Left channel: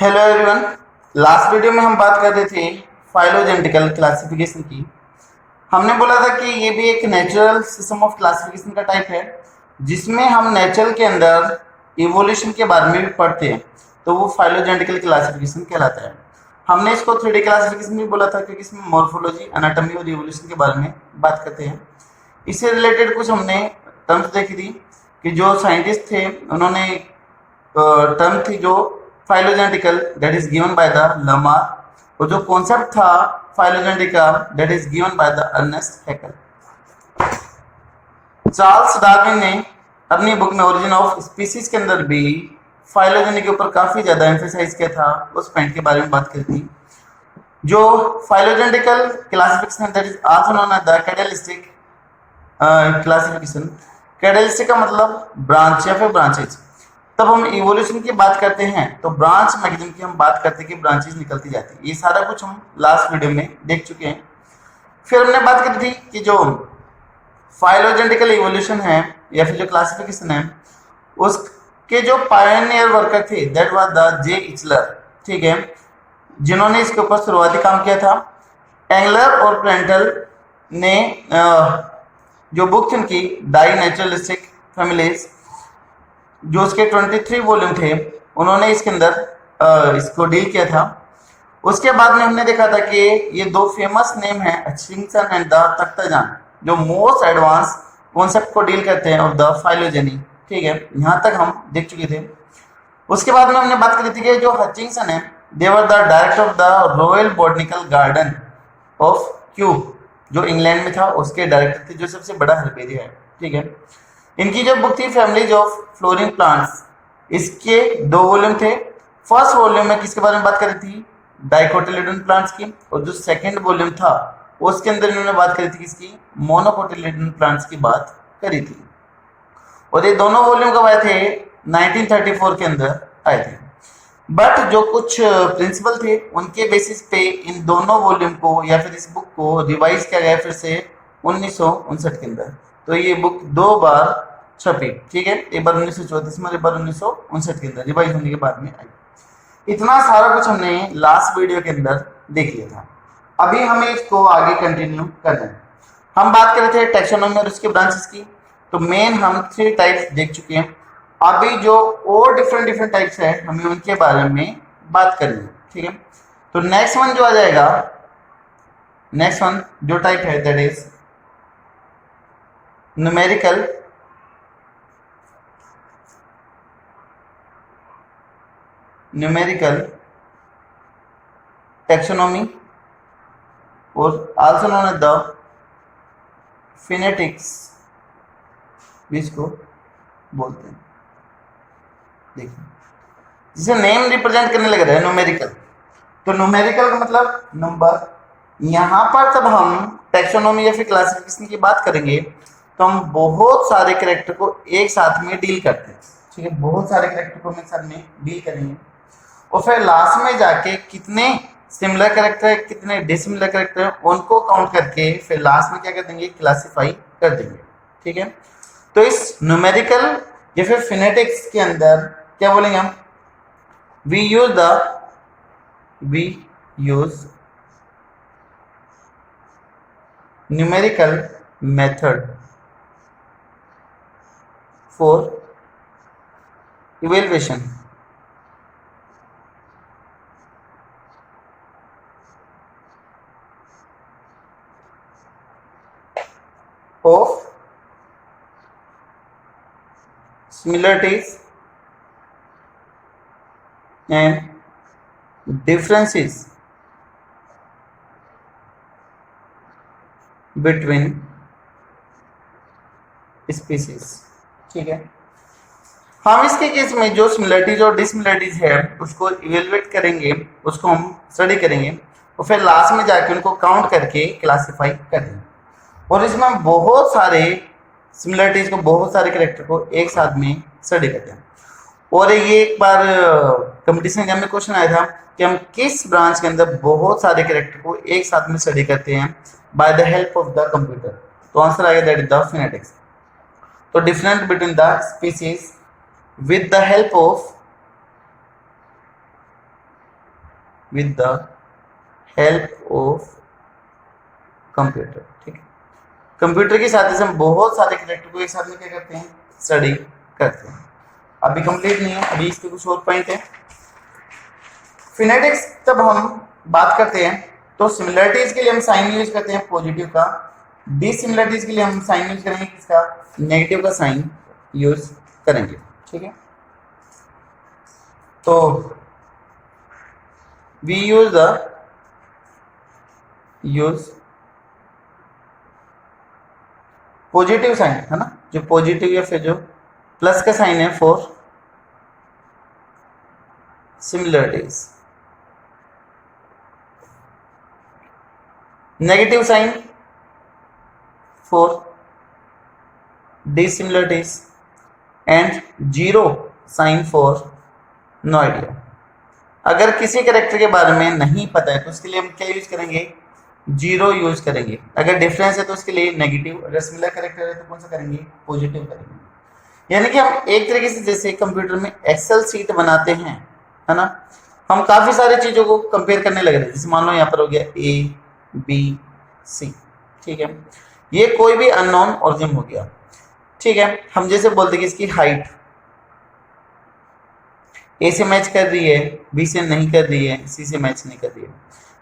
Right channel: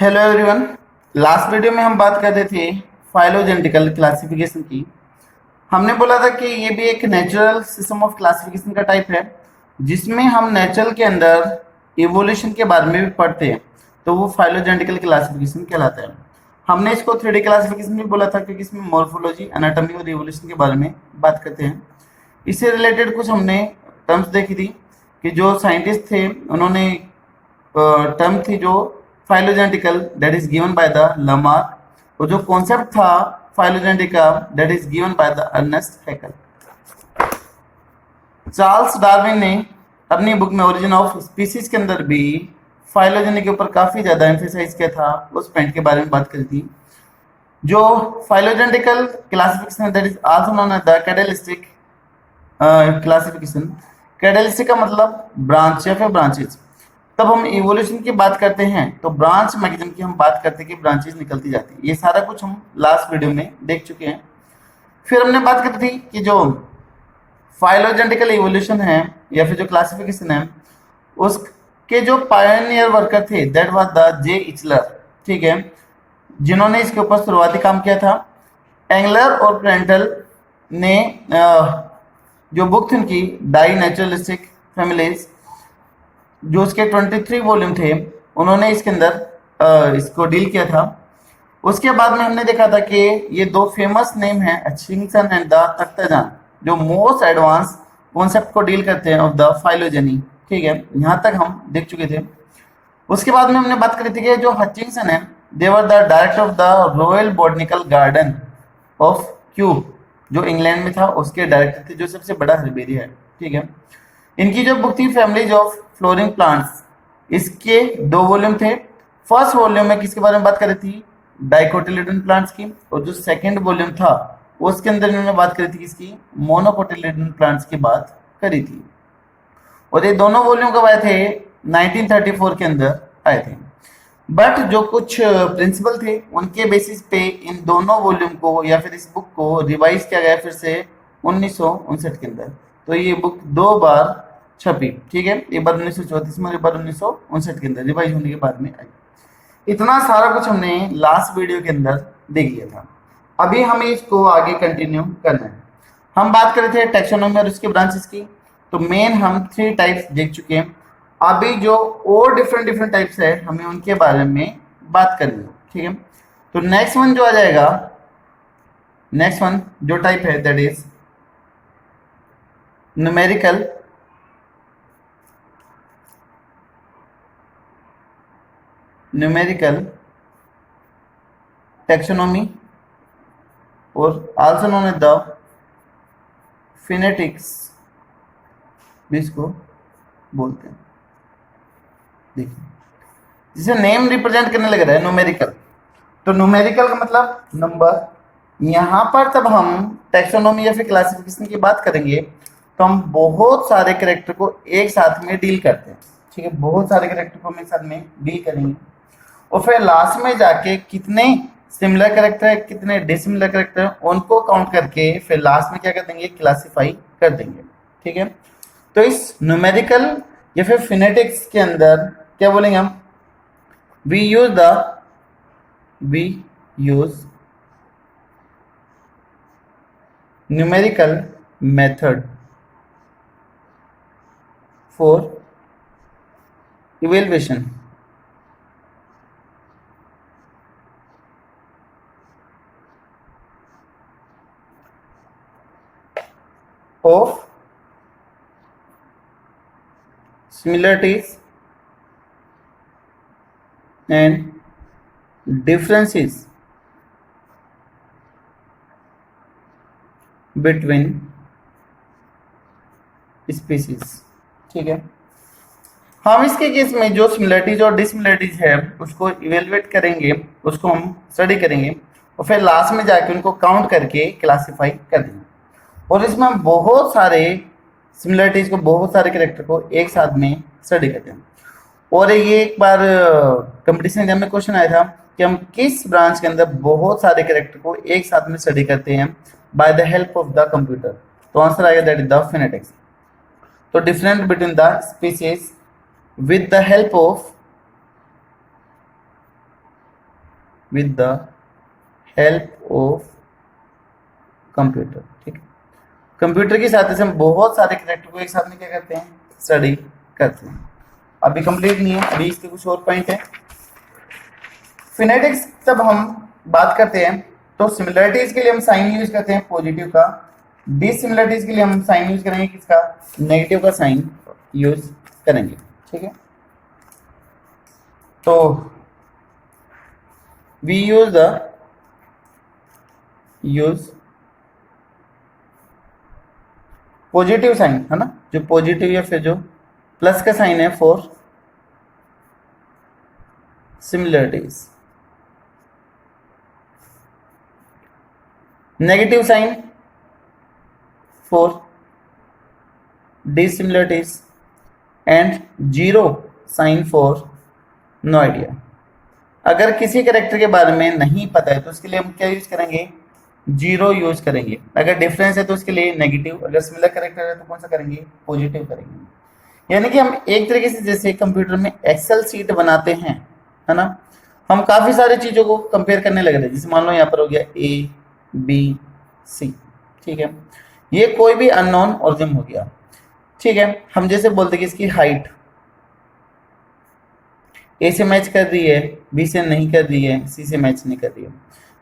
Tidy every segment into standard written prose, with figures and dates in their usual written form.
Hello everyone. Last video में हम बात कर रहे थे फाइलोजेनेटिकल क्लासिफिकेशन की। हमने बोला था कि ये भी एक नेचुरल सिस्टम ऑफ क्लासिफिकेशन का टाइप है जिसमें हम नेचर के अंदर इवोल्यूशन के बारे में भी पढ़ते हैं, तो वो फाइलोजेनेटिकल क्लासिफिकेशन कहलाता है। हमने इसको 3D क्लासिफिकेशन भी बोला था क्योंकि इसमें मॉर्फोलॉजी, एनाटॉमी और इवोल्यूशन के बारे में बात करते हैं। इससे रिलेटेड कुछ हमने टर्म्स देखी थी कि जो साइंटिस्ट थे उन्होंने टर्म थी जो phylogenetical that is given by the Lamarck, और जो कॉन्सेप्ट था phylogenetic that is given by the Ernst Haeckel. Charles Darwin ने अपनी बुक में ओरिजिन ऑफ स्पीसीज के अंदर भी फाइलोजेनी के ऊपर काफी ज्यादा एम्फेसाइज किया था, उस पॉइंट के बारे में बात करी थी। जो phylogenetical classification that is also known as the cladistic classification. Cladistic का मतलब ब्रांच या फिर ब्रांचेज। तब हम इवोल्यूशन की बात करते हैं तो ब्रांच मैकेनिज्म की हम बात करते हैं कि ब्रांचेज निकलती जाती है। ये सारा कुछ हम लास्ट वीडियो में देख चुके हैं। फिर हमने बात करी थी कि जो फाइलोजेनेटिकल इवोल्यूशन है या फिर जो क्लासिफिकेशन है उसके जो पायनियर वर्कर थे दैट वाज द जे इचलर, ठीक है, जिन्होंने इसके ऊपर शुरुआती काम किया था। एंगलर और प्रेंटल ने जो बुक थी उनकी डाई नेचुरलिस्टिक फैमिलीज, जो उसके 23 वॉल्यूम थे, उन्होंने इसके अंदर इसको डील किया था। उसके बाद में हमने देखा था कि ये दो फेमस नेम हैं हचिंसन एंड द तख्ताजान, जो मोस्ट एडवांस कॉन्सेप्ट को डील करते हैं ऑफ द फाइलोजेनी, ठीक है, यहाँ तक हम देख चुके थे। उसके बाद में हमने बात करी थी कि जो हचिंसन है they were the director of the Royal Botanical Garden of Kew, जो इंग्लैंड में था, उसके डायरेक्टर थे, जो सबसे बड़ा हर्बेरिया है, ठीक है। इनकी जो बुक थी फैमिलीज ऑफ फ्लोरिंग प्लांट्स, इसके 2 वॉल्यूम थे। फर्स्ट वॉल्यूम में किसके बारे में बात करी थी? डाइकोटिलेडोन प्लांट्स की, और जो सेकंड वॉल्यूम था उसके अंदर इन्होंने बात करी थी किसकी? मोनोकोटिलेडोन प्लांट्स की बात करी थी। और ये दोनों वॉल्यूम कब आए थे? 1934 के अंदर आए थे। बट जो कुछ प्रिंसिपल थे उनके बेसिस पे इन दोनों वॉल्यूम को या फिर इस बुक को रिवाइज किया गया फिर से 1959 के अंदर। तो ये बुक 2 बार छपी, ठीक है, एक बार 1934 में, एक बार 1959 के अंदर रिवाइज होने के बाद में आई। इतना सारा कुछ हमने लास्ट वीडियो के अंदर देख लिया था। अभी हमें इसको आगे कंटिन्यू करना है। हम बात कर रहे थे टैक्सोनॉमी और उसके ब्रांचेस की, तो मेन हम 3 टाइप्स देख चुके हैं। अभी जो और डिफरेंट टाइप्स है हमें उनके बारे में बात करनी है, ठीक है। तो नेक्स्ट वन जो आ जाएगा, नेक्स्ट वन जो टाइप है दैट इज न्यूमेरिकल टैक्सोनॉमी और आल्सो नोन एज द फिनेटिक्स भी इसको बोलते हैं। देखिए, जिसे नेम रिप्रेजेंट करने लग रहा है न्यूमेरिकल, तो न्यूमेरिकल का मतलब नंबर। यहाँ पर तब हम टैक्सोनॉमी या फिर क्लासिफिकेशन की बात करेंगे तो हम बहुत सारे कैरेक्टर को एक साथ में डील करते हैं, ठीक है, बहुत सारे कैरेक्टर को हम एक साथ में डील करेंगे और फिर लास्ट में जाके कितने सिमिलर कैरेक्टर है कितने डिसिमिलर कैरेक्टर है उनको काउंट करके फिर लास्ट में क्या कर देंगे? क्लासिफाई कर देंगे, ठीक है। तो इस न्यूमेरिकल या फिर फिनेटिक्स के अंदर क्या बोलेंगे हम? We use numerical method for evaluation of similarities and differences between species, ठीक है। हम इसके केस में जो सिमिलरिटीज और डिसिमिलरिटीज है उसको इवेलुएट करेंगे, उसको हम स्टडी करेंगे और फिर लास्ट में जाके उनको काउंट करके क्लासिफाई कर देंगे। और इसमें बहुत सारे सिमिलरिटीज को, बहुत सारे कैरेक्टर को एक साथ में स्टडी करते हैं। और ये एक बार कंपटीशन एग्जाम में क्वेश्चन आया था कि हम किस ब्रांच के अंदर बहुत सारे कैरेक्टर को एक साथ में स्टडी करते हैं by the help of the computer. तो आंसर आएगा दैट इज द फिनेटिक्स। तो difference between the species with the help of with the help of computer. ठीक है, कंप्यूटर की सहायता से हम बहुत सारे कैरेक्टर को एक साथ में क्या करते हैं, स्टडी करते हैं। अभी कंप्लीट नहीं है, अभी इसके कुछ और पॉइंट है। फिनेटिक्स तब हम बात करते हैं तो सिमिलरिटीज के लिए हम साइन यूज करते हैं पॉजिटिव का, डिसिमिलरिटीज के लिए हम साइन यूज करेंगे किसका, नेगेटिव का साइन यूज करेंगे। ठीक है, तो वी यूज पॉजिटिव साइन, है ना, जो पॉजिटिव या फिर जो प्लस का साइन है for similarities, negative sign for dissimilarities and zero sign for no idea. अगर किसी कैरेक्टर के बारे में नहीं पता है तो उसके लिए हम क्या यूज करेंगे, जीरो यूज करेंगे। अगर डिफरेंस है तो उसके लिए नेगेटिव, अगर सिमिलर कैरेक्टर है तो कौन सा करेंगे, पॉजिटिव करेंगे। यानी कि हम एक तरीके से जैसे कंप्यूटर में एक्सेल सीट बनाते हैं, है ना, हम काफी सारी चीजों को कंपेयर करने लग रहे हैं। जैसे मान लो यहाँ पर हो गया ए बी सी, ठीक है, ये कोई भी अननोन ऑरिजिन हो गया। ठीक है, हम जैसे बोलते कि इसकी हाइट ए से मैच कर रही है, बी से नहीं कर रही है, सी से मैच नहीं कर रही है।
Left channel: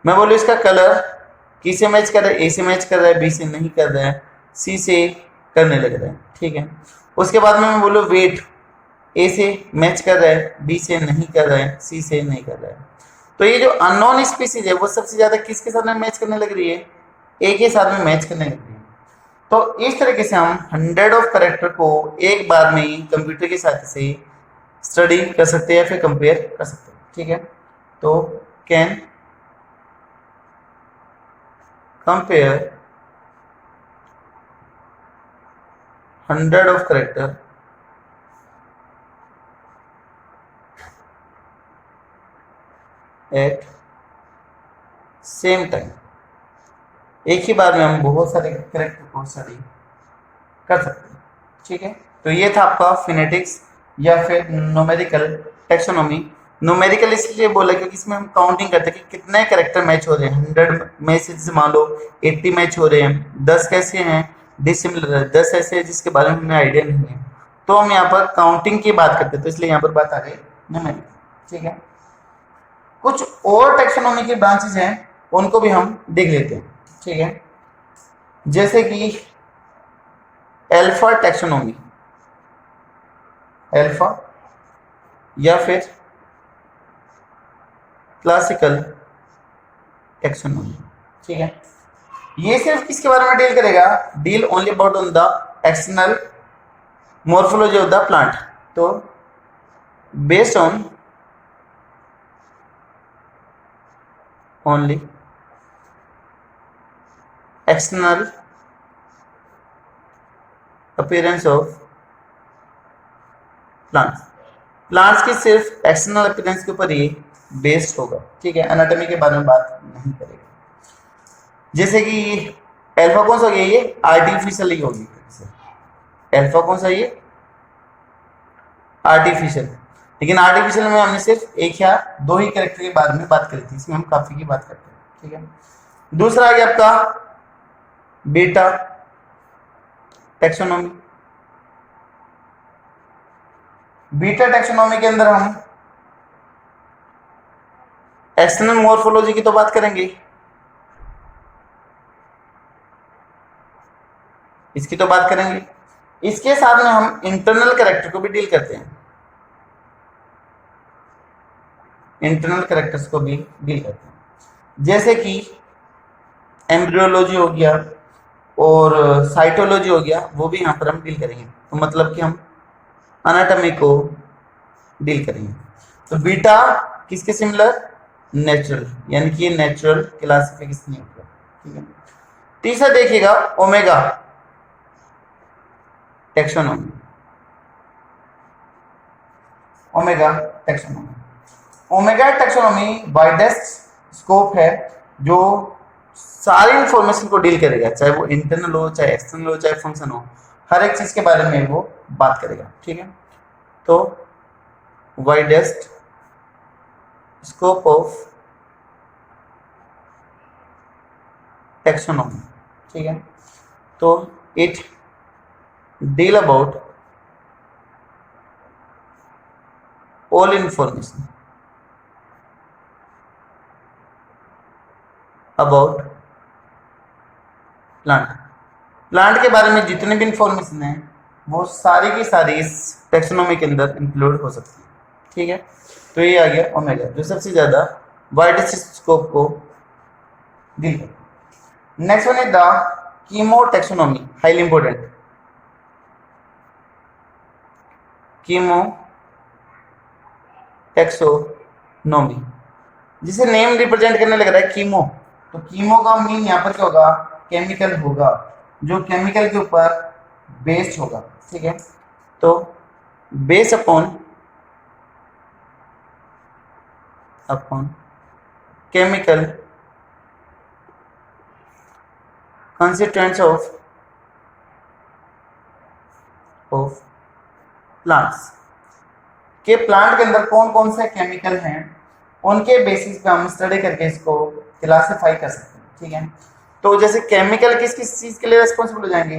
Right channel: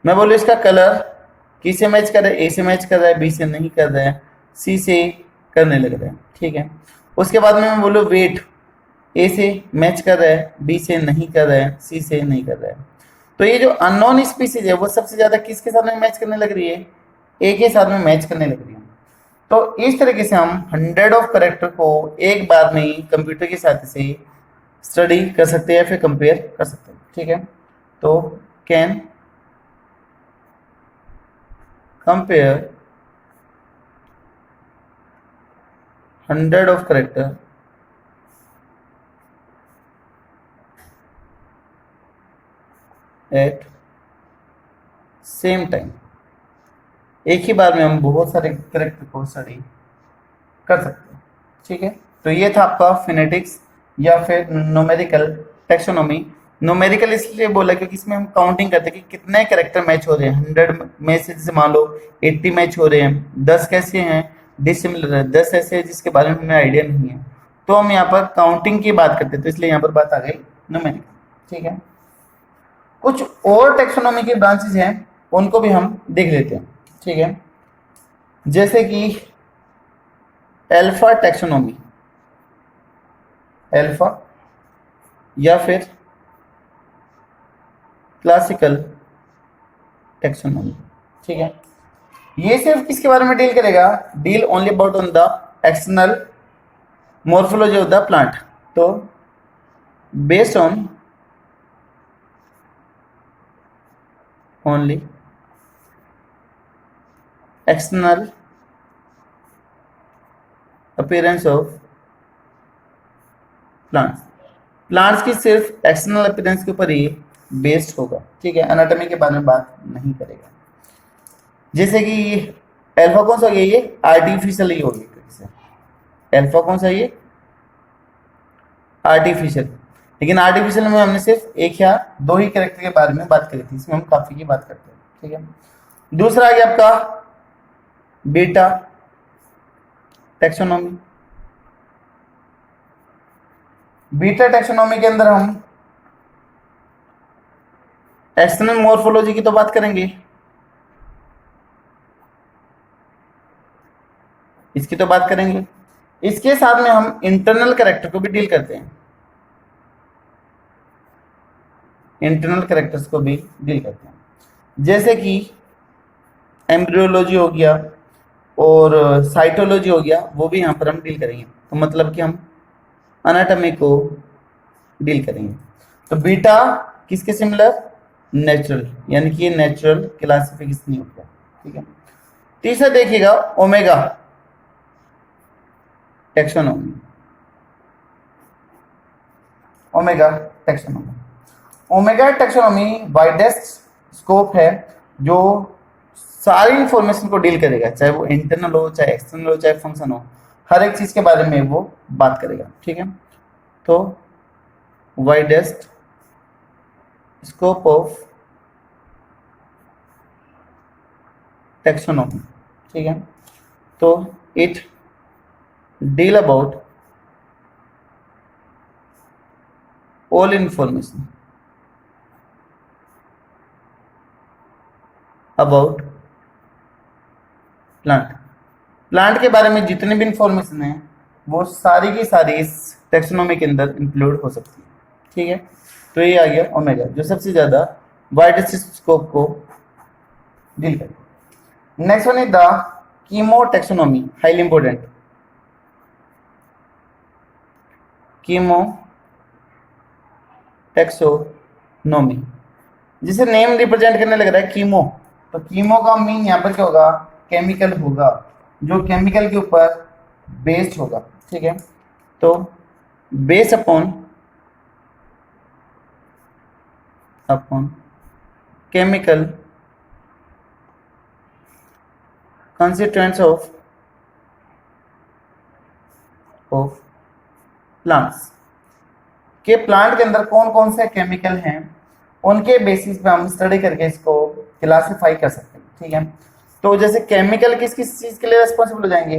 मैं बोलूँ इसका कलर किस से मैच कर रहा है, ए से मैच कर रहा है, बी से नहीं कर रहा है, सी से करने लग रहा है। ठीक है, उसके बाद में मैं बोलूँ वेट ए से मैच कर रहा है, बी से नहीं कर रहा है, सी से नहीं कर रहा है। तो ये जो अननोन स्पीसीज है वो सबसे ज्यादा किसके साथ में मैच करने लग रही है, ए के साथ में मैच करने लग रही है। तो इस तरीके से हम 100 ऑफ कैरेक्टर को एक बार में ही कंप्यूटर की सहायता से स्टडी कर सकते हैं या फिर कंपेयर कर सकते हैं। ठीक है, तो can compare 100 of character eight same time. एक ही बार में हम बहुत सारे कैरेक्टर को स्टडी कर सकते हैं। ठीक है, तो ये था आपका फिनेटिक्स या फिर न्यूमेरिकल टैक्सोनॉमी। न्यूमेरिकल इसलिए बोला क्योंकि इसमें हम काउंटिंग करते हैं कि कितने कैरेक्टर मैच हो रहे हैं। 100 में से जैसे मान लो 80 मैच हो रहे हैं, 10 कैसे हैं डिसिमिलर है, 10 ऐसे हैं जिसके बारे में हमें आइडिया नहीं है, तो हम यहाँ पर काउंटिंग की बात करते हैं, तो इसलिए यहाँ पर बात आ गई न्यूमेरिकल। ठीक है, कुछ और टैक्सोनॉमी के ब्रांचेज हैं उनको भी हम देख लेते हैं। ठीक है, जैसे कि अल्फा टैक्सोनॉमी, अल्फा या फिर क्लासिकल टैक्सोनॉमी। ठीक है, ये सिर्फ किसके बारे में डील करेगा, deal only about on the external morphology of the plant. तो based on only external appearance of plants, plants की सिर्फ एक्सटर्नल अपीयरेंस के ऊपर ही बेस्ड होगा। ठीक है, एनाटॉमी के बारे में बात नहीं करेगा। जैसे कि अल्फा कौन सा हो गया, ये आर्टिफिशियल ही होगी। अल्फा कौन सा, ये आर्टिफिशियल, लेकिन आर्टिफिशियल में हमने सिर्फ एक या दो ही कैरेक्टर के बारे में बात करी थी, इसमें हम काफी की बात करते हैं। ठीक है, दूसरा आ गया आपका बीटा टैक्सोनॉमी। बीटा टैक्सोनॉमी के अंदर हम एक्सटर्नल मॉर्फोलॉजी की तो बात करेंगे, इसकी तो बात करेंगे, इसके साथ में हम इंटरनल कैरेक्टर को भी डील करते हैं, इंटरनल कैरेक्टर्स को भी डील करते हैं, जैसे कि एम्ब्रियोलॉजी हो गया और साइटोलॉजी हो गया, वो भी यहाँ पर हम डील करेंगे। तो मतलब कि हम एनाटॉमी को डील करेंगे। तो बीटा किसके सिमिलर, नेचुरल, यानी कि ये नेचुरल क्लासिफिकेशन हो गया। ठीक है, तीसरा देखिएगा omega taxonomy, omega taxonomy. Omega taxonomy widest scope है जो सारी इंफॉर्मेशन को डील करेगा, चाहे वो इंटरनल हो, चाहे एक्सटर्नल हो, चाहे फंक्शन हो, हर एक चीज के बारे में वो बात करेगा। ठीक है, तो वाइडेस्ट स्कोप ऑफ टैक्सोनॉमी, ठीक है। तो it deal about all information about plant के बारे में जितने भी इंफॉर्मेशन है वो सारी की सारी इस टैक्सोनॉमी के अंदर इंक्लूड हो सकती है, ठीक है। तो ये आ गया ओमेगा जो सबसे ज्यादा वाइडेस्ट स्कोप को डील करता है। Next one is the chemo taxonomy, highly important. Chemo taxonomy, जिसे नेम रिप्रेजेंट करने लग रहा है कीमो, तो कीमो का मीन यहाँ पर क्या होगा, केमिकल होगा, जो केमिकल के ऊपर बेस्ड होगा, ठीक है। तो base upon chemical constituents of plants, के प्लांट के अंदर कौन कौन से केमिकल हैं उनके बेसिस पे हम स्टडी करके इसको क्लासिफाई कर सकते हैं, ठीक है। तो जैसे केमिकल किस किस चीज के लिए रेस्पॉन्सिबल हो जाएंगे,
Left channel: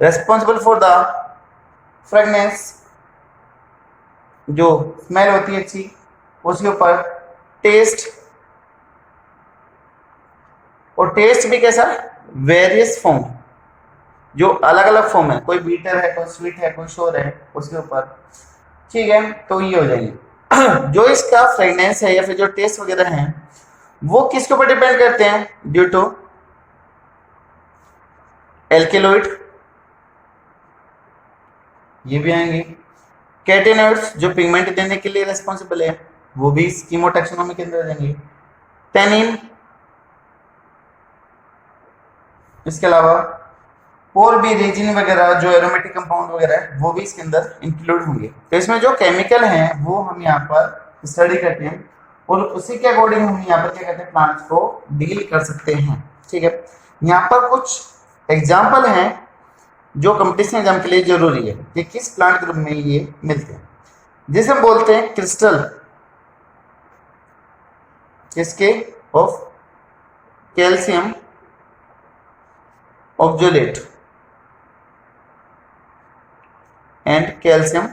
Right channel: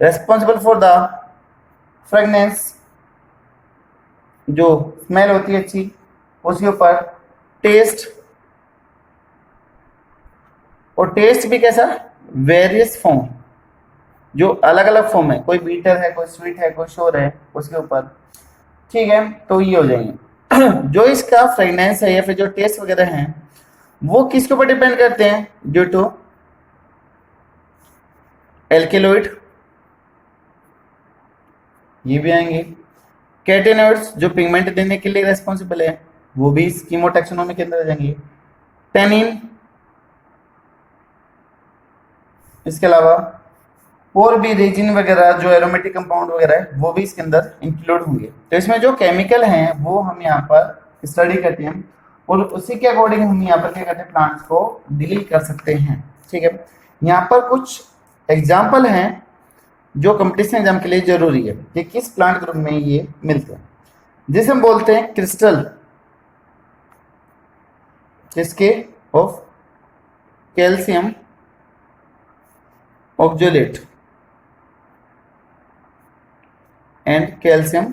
रेस्पॉन्सिबल फॉर द फ्रेगनेंस, जो स्मेल होती है अच्छी, उसके ऊपर टेस्ट, और टेस्ट भी कैसा, वेरियस फॉर्म, जो अलग अलग फॉर्म है, कोई बीटर है, कोई स्वीट है, कोई शोर है, उसके ऊपर, ठीक है। तो ये हो जाएंगे। जो इसका फ्रेगनेंस है या फिर जो टेस्ट वगैरह है वो किसके ऊपर डिपेंड करते हैं, ड्यू टू एल्केलॉइड, ये भी आएंगे, कैटेनॉइड्स जो पिगमेंट देने के लिए रेस्पॉन्सिबल है वो भी इस कीमो टैक्सोनॉमी के अंदर आ जाएंगे, टैनिन, इसके अलावा और भी रेजिन वगैरह जो एरोमेटिक कंपाउंड वगैरह है वो भी इसके अंदर इंक्लूड होंगे। तो इसमें जो केमिकल हैं वो हम यहाँ पर स्टडी करते हैं और उसी के अकॉर्डिंग हम यहाँ पर क्या करते हैं, प्लांट्स को डील कर सकते हैं, ठीक है। यहाँ पर कुछ एग्जाम्पल हैं जो कंपटीशन एग्जाम के लिए जरूरी है कि किस प्लांट ग्रुप में ये मिलते हैं, जिसे हम बोलते हैं क्रिस्टल, किसके, of calcium oxalate and calcium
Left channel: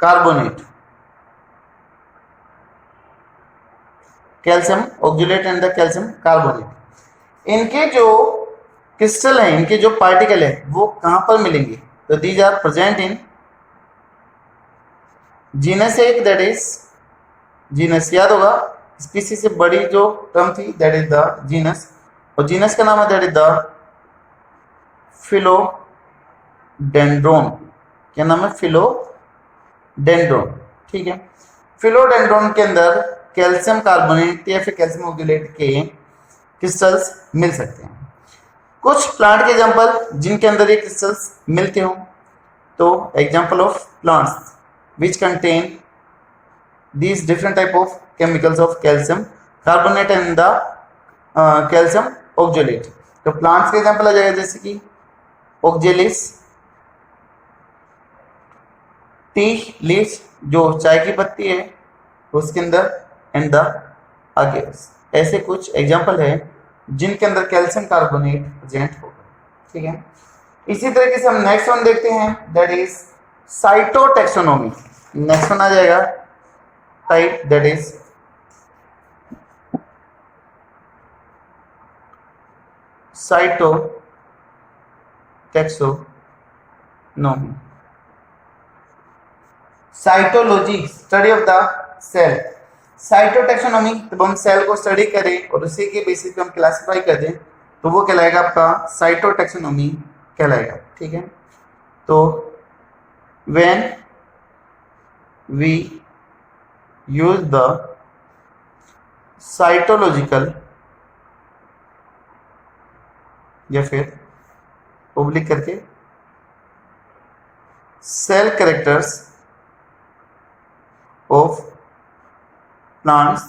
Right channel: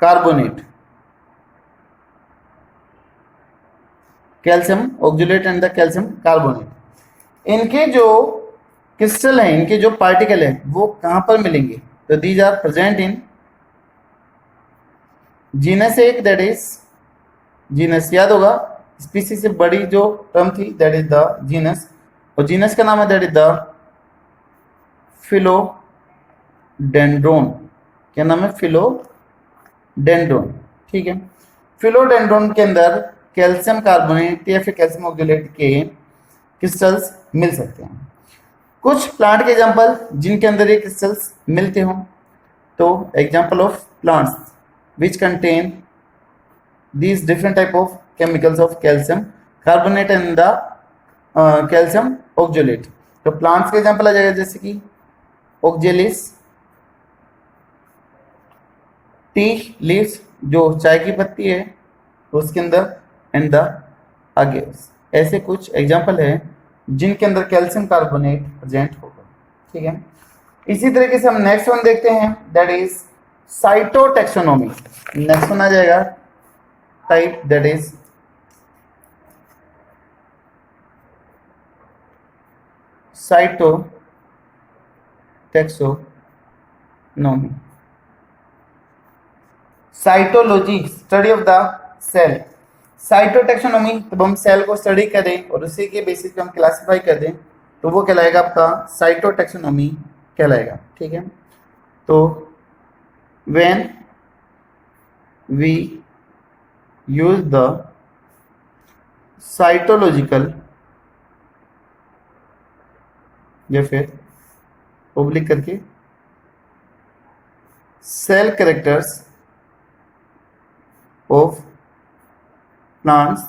carbonate, calcium oxalate and the calcium carbonate. इनके जो क्रिस्टल हैं, इनके जो पार्टिकल है वो कहां पर मिलेंगे, तो these are present in genus, एक दैट इज जीनस, याद होगा स्पीसीज से बड़ी जो टर्म थी दैट इज द जीनस, और जीनस का नाम है दैट इज द फिलोडेंड्रोन, क्या नाम है, फिलोडेंड्रोन, ठीक है। फिलोडेंड्रोन के अंदर कैल्शियम कार्बोनेट या फिर कैल्शियम ऑक्जेलेट के क्रिस्टल्स मिल सकते हैं। कुछ प्लांट के एग्जांपल जिनके अंदर ये क्रिस्टल्स मिलते हों, तो example of plants which contain these different type of chemicals of calcium carbonate and the calcium oxalate। तो प्लांट्स के एग्जांपल आ जाएगा जैसे कि ऑक्जेलिस, टी लीव्स जो चाय की पत्ती है उसके अंदर, एंड द अगेस, ऐसे कुछ एग्जांपल है जिनके अंदर कैल्शियम कार्बोनेट प्रेजेंट होगा, ठीक है। इसी तरीके से हम नेक्स्ट वन देखते हैं that is cytotaxonomy. Next one आ जाएगा type that is cytotaxonomy, cytology, study of the cell. Cytotaxonomy, तब हम सेल को स्टडी करें और उसी के बेसिस पे हम क्लासिफाई कर दें तो वो कहलाएगा आपका साइटोटैक्सोनॉमी कहलाएगा, ठीक है। तो when we use the cytological या फिर ओब्लिक करके cell characters of plants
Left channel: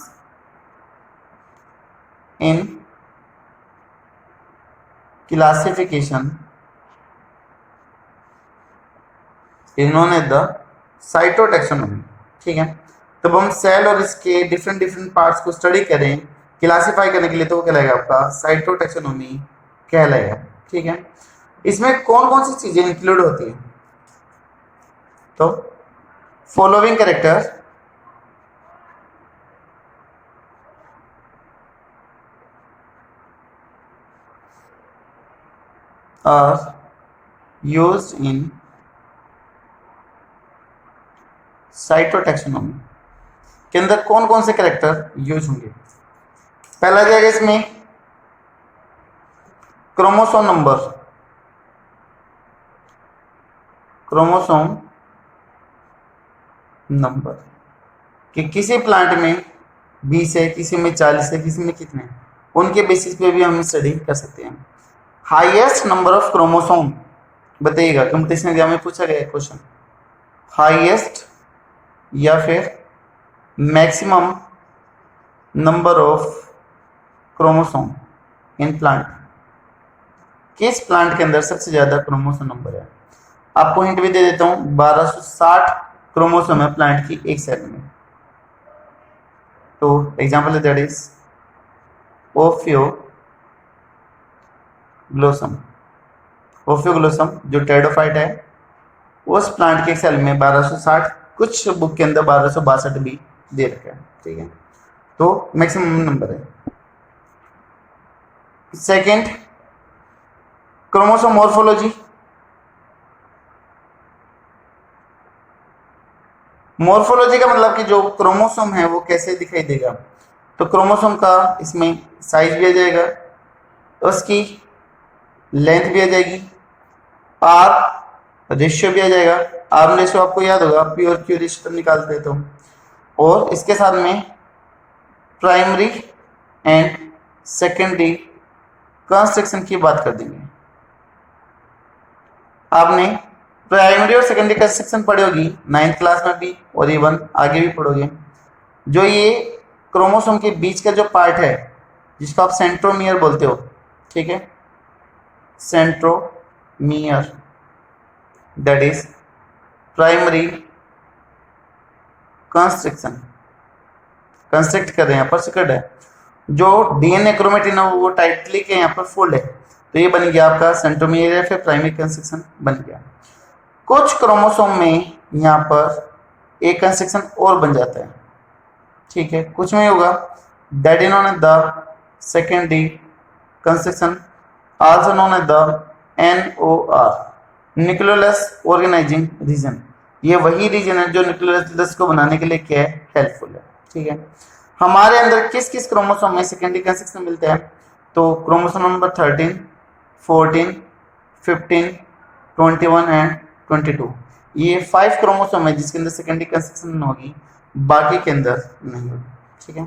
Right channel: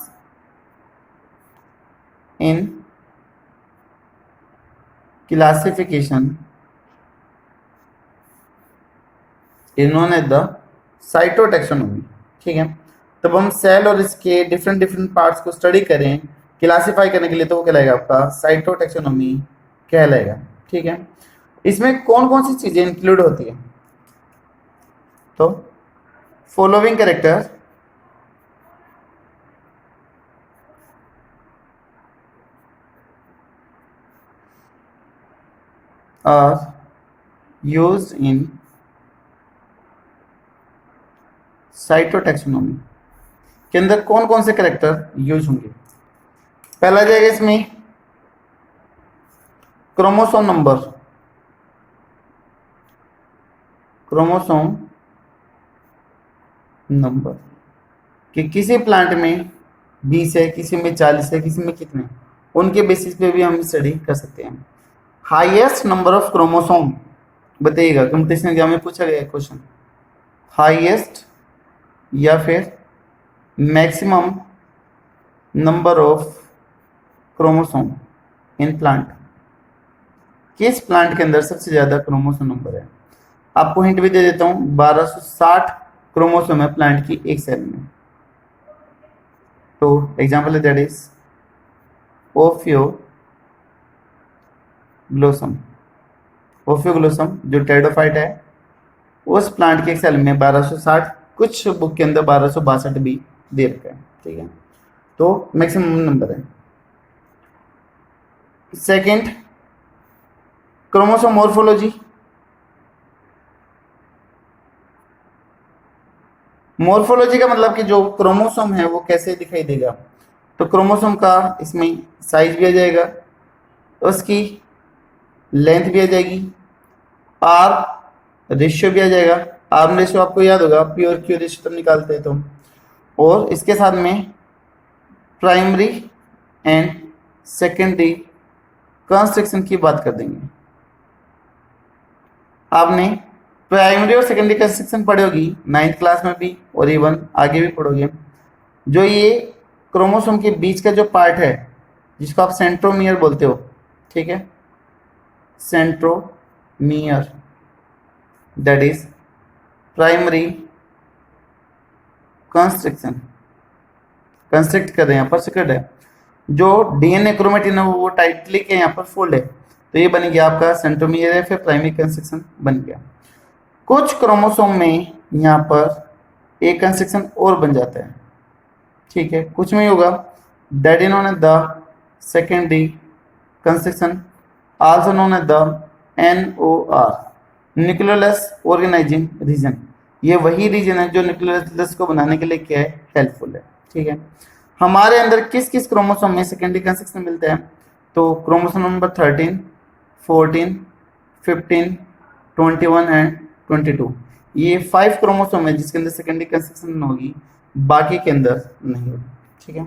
in classification is known as the cytotaxonomy, ठीक है। तब हम सेल और इसके डिफरेंट डिफरेंट पार्ट्स को स्टडी करें क्लासिफाई करने के लिए तो वो कहलाएगा आपका साइटोटैक्सोनॉमी कहलाएगा। ठीक है, इसमें कौन कौन सी चीजें इंक्लूड होती है? तो following character are used in cytotaxonomy के अंदर कौन कौन से कैरेक्टर यूज होंगे? पहला जाएगा इसमें क्रोमोसोम नंबर, क्रोमोसोम नंबर कि किसी प्लांट में 20 है, किसी में 40 है, किसी में कितने, उनके बेसिस पे भी हम स्टडी कर सकते हैं। हाईएस्ट नंबर ऑफ क्रोमोसोम बताइएगा, कंपटीशन एग्जाम में पूछा गया क्वेश्चन। हाईएस्ट या फिर maximum number of chromosome in plant, किस प्लांट के अंदर सबसे ज्यादा क्रोमोसोम नंबर है? आपको हिंट भी दे देता हूं, 1260 क्रोमोसोम है प्लांट की एक सेल में। तो एग्जांपल है दैट इज ओफियोग्लोसम। ओफियोग्लोसम जो टेरिडोफाइट है, उस प्लांट के सेल में 1260, कुछ बुक के अंदर 1262 भी दे रखा है। ठीक है, तो मैक्सिमम नंबर है। Second, chromosome morphology. मॉर्फोलॉजी का मतलब कि जो क्रोमोसोम है वो कैसे दिखाई देगा, तो क्रोमोसोम का इसमें साइज भी आ जाएगा, उसकी लेंथ भी आ जाएगी, आर रेशियो भी आ जाएगा। आर रेशियो आपको याद होगा, पी और क्यू रेशियो तुम निकालते हैं तुम। और इसके साथ में प्राइमरी एंड सेकेंडरी कंस्ट्रक्शन की बात कर देंगे। आपने प्राइमरी और सेकेंडरी कंस्ट्रक्शन पढ़ी होगी 9th क्लास में भी, और इवन आगे भी पढ़ोगे। जो ये क्रोमोसोम के बीच का जो पार्ट है जिसको आप सेंट्रोमियर बोलते हो, ठीक है, centromere, that is primary constriction, construct कर रहे हैं, यहाँ पर सिक्रेट है। जो डीएनए क्रोमेटिन है वो टाइटली के यहाँ पर फोल्ड है, तो ये बन गया आपका सेंट्रोमियर या फिर प्राइमरी कंस्ट्रक्शन बन गया। कुछ क्रोमोसोम में यहाँ पर एक कंस्ट्रक्शन और बन जाता है, ठीक है, कुछ में होगा, that is known as the secondary construction, also known as the NOR, nucleolus organising region. ये वही रीजन है जो न्यूक्लियोलस को बनाने के लिए क्या है, हेल्पफुल है। ठीक है, हमारे अंदर किस किस क्रोमोसोम में सेकेंडरी कंस्ट्रक्शन मिलता है? तो क्रोमोसोम नंबर 13, 14, 15, 21 एंड 22, ये 5 क्रोमोसोम है जिसके अंदर सेकेंडरी कंस्ट्रक्शन होगी, बाकी के अंदर नहीं होगी। ठीक है,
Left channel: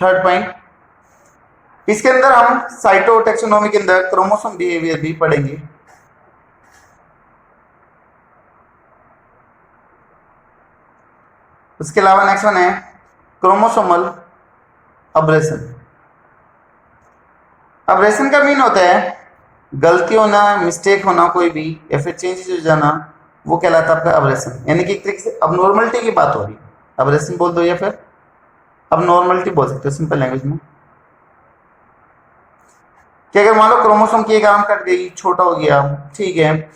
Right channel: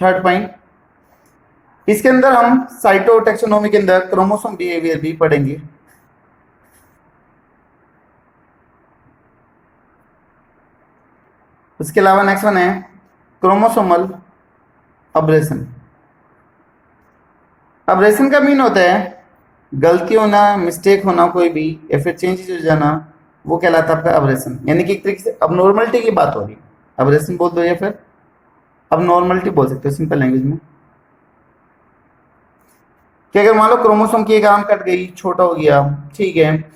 थर्ड पॉइंट, इसके अंदर हम साइटोटैक्सोनॉमी के अंदर क्रोमोसोम बिहेवियर भी पढ़ेंगे। उसके अलावा नेक्स्ट वन है क्रोमोसोमल अब्रेशन। अब्रेशन का मीन होता है गलती होना, मिस्टेक होना कोई भी, या फिर चेंजेस हो जाना, वो कहलाता है आपका अब्रेशन। यानी कि एक तरीके से अबनॉर्मलिटी की बात हो रही है, अब्रेशन बोल दो या फिर अबनॉर्मलिटी बोल सकते हो सिंपल लैंग्वेज में। कि अगर मान लो क्रोमोसोम की एक आर्म कट गई, छोटा हो गया, ठीक है,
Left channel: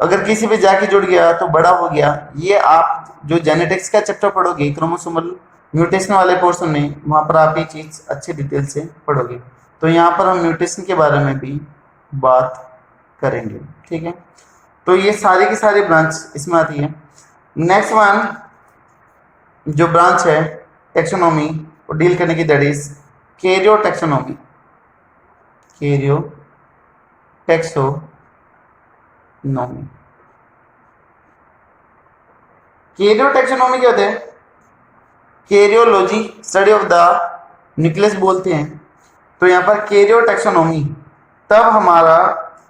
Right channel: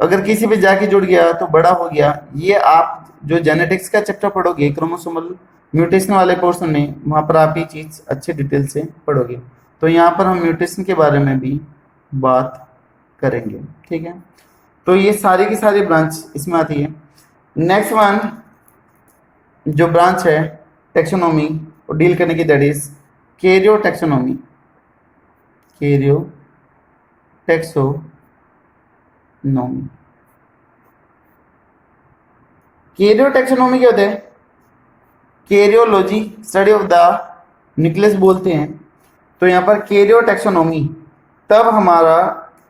अगर किसी पे जाके जुड़ गया तो बड़ा हो गया, ये आप जो जेनेटिक्स का चैप्टर पढ़ोगे क्रोमोसोमल म्यूटेशन वाले पोर्शन में, वहां पर आप ये चीज अच्छे डिटेल से पढ़ोगे। तो यहाँ पर हम म्यूटेशन के बारे में भी बात करेंगे। ठीक है, तो ये सारी की सारी ब्रांच इसमें आती है। नेक्स्ट वन जो ब्रांच है टेक्सोनॉमी और डील करने की, that is Cairo taxonomy. Cairo taxonomy, Cairo taxonomy क्या होता है? Karyology study of the nucleus बोलते हैं। तो यहाँ पर कैरियो टेक्सोनॉमी, तब हमारा